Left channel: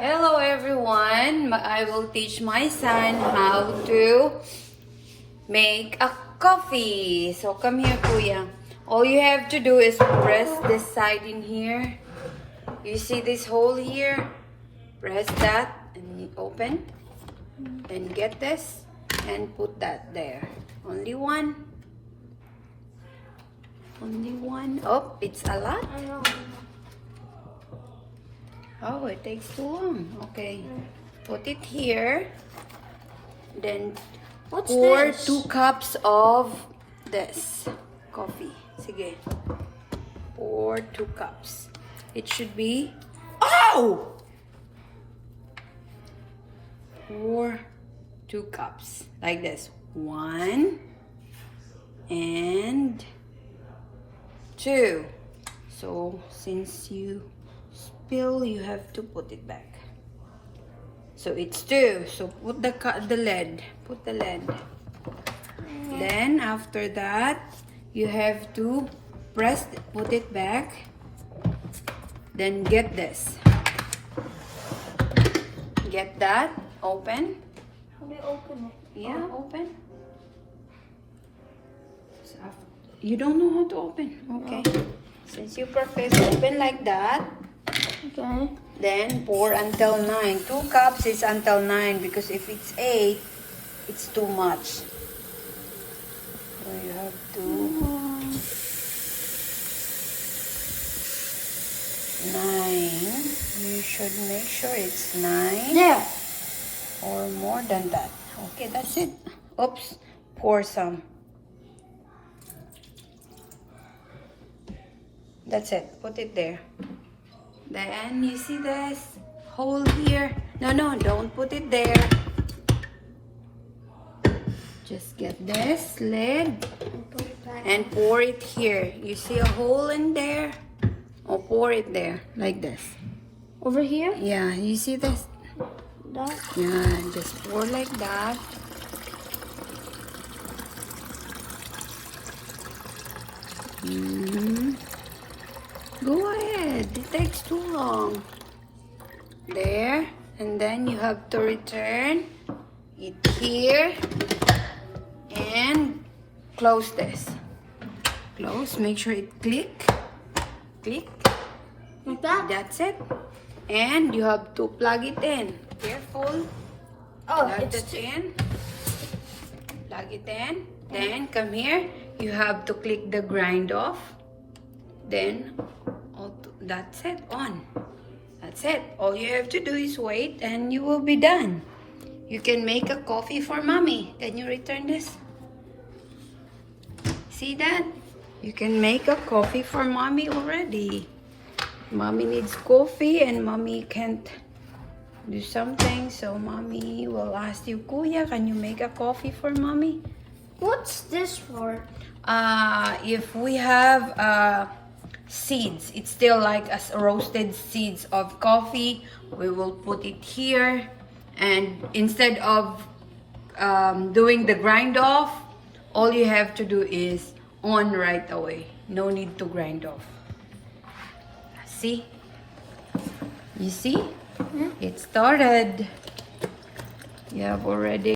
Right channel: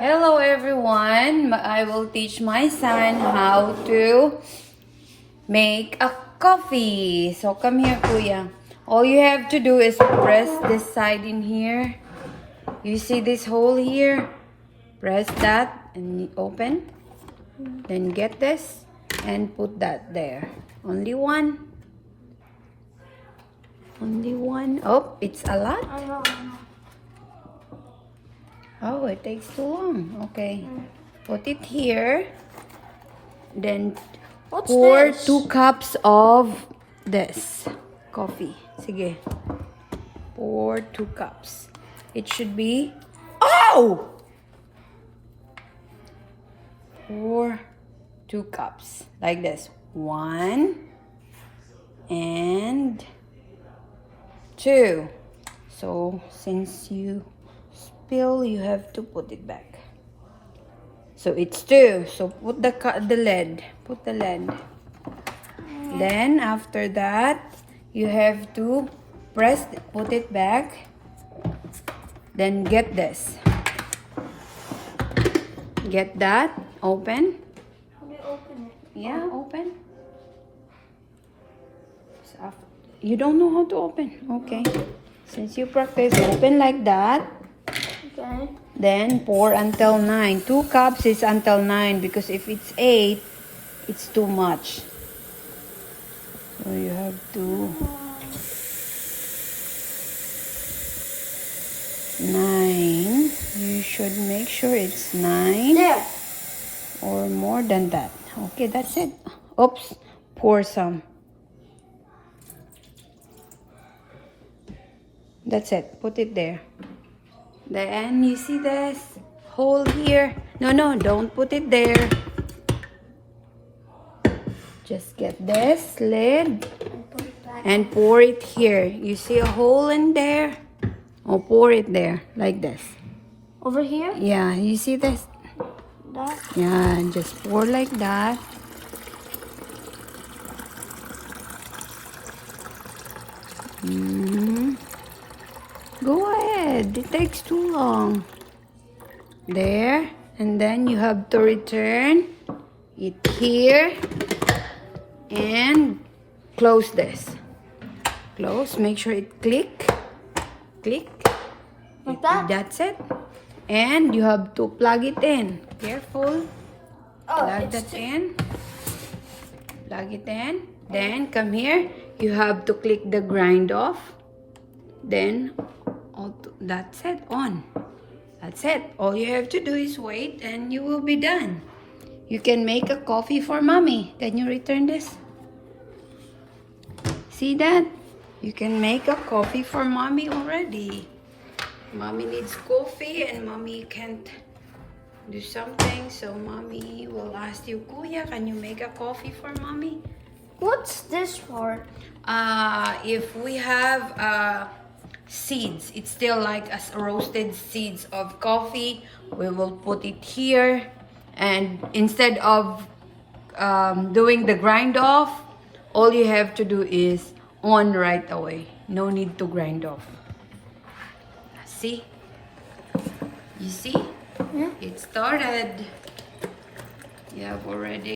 Hello everyone! I will teach my son how to make a coffee. So come here, Kuya. All you have to do is press this side in here. You see this hole here? Press that and open. Then get this and put that there. Only one. Only one. Oh, it's a lot. I know. Oh, it takes too long. Okay. Put it here. Then What's pour this? 2 cups of this coffee. Sige. Pour 2 cups. It should be... Oh! Pour 2 cups. Like this. 1 and 2. So, since you spill, you have to put it back. So it's 2. So put the lid. Put the lid. Then after that, you have to press it, put it back. Then get this. Get that. Open. How do you open it? Yeah, open. So you don't know how to open. Okay. Since you practice, open like that. Okay. Then pour until 9. 2 cups is until 9 because if it's 8, it's too much. So you have to 9. You should make sure it's 9 There. or more than that. Okay, that's it. Oops, pour some. That's it. Put it there. Then you see this hole here. No, don't put it there. Just get this lid Put it back. and pour it here. You see a hole in there? Oh, pour it there like this. Over here? Yeah, you see this? That. Yeah, just pour like that. Go ahead. It takes too long. There. And then you have to return it here. And close this. Close. Make sure it click. Click. Like that? That's it. And you have to plug it in. Careful. Oh, Plug it's that in. Plug it in. Then come here. You have to click the grind off. Then that's it. On. That's it. All you have to do is wait and you will be done. You can make a coffee for mommy. Then you return this. See that? You can make a coffee for mommy already. Mommy needs coffee and mommy can't do something, so mommy will ask you, Kuya, can you make a coffee for mommy? What's this for? If we have seeds, it's still like as roasted seeds of coffee, we will put it here, and instead of doing the grind off, all you have to do is on right away. No need to grind off. See? You see? It started. You have already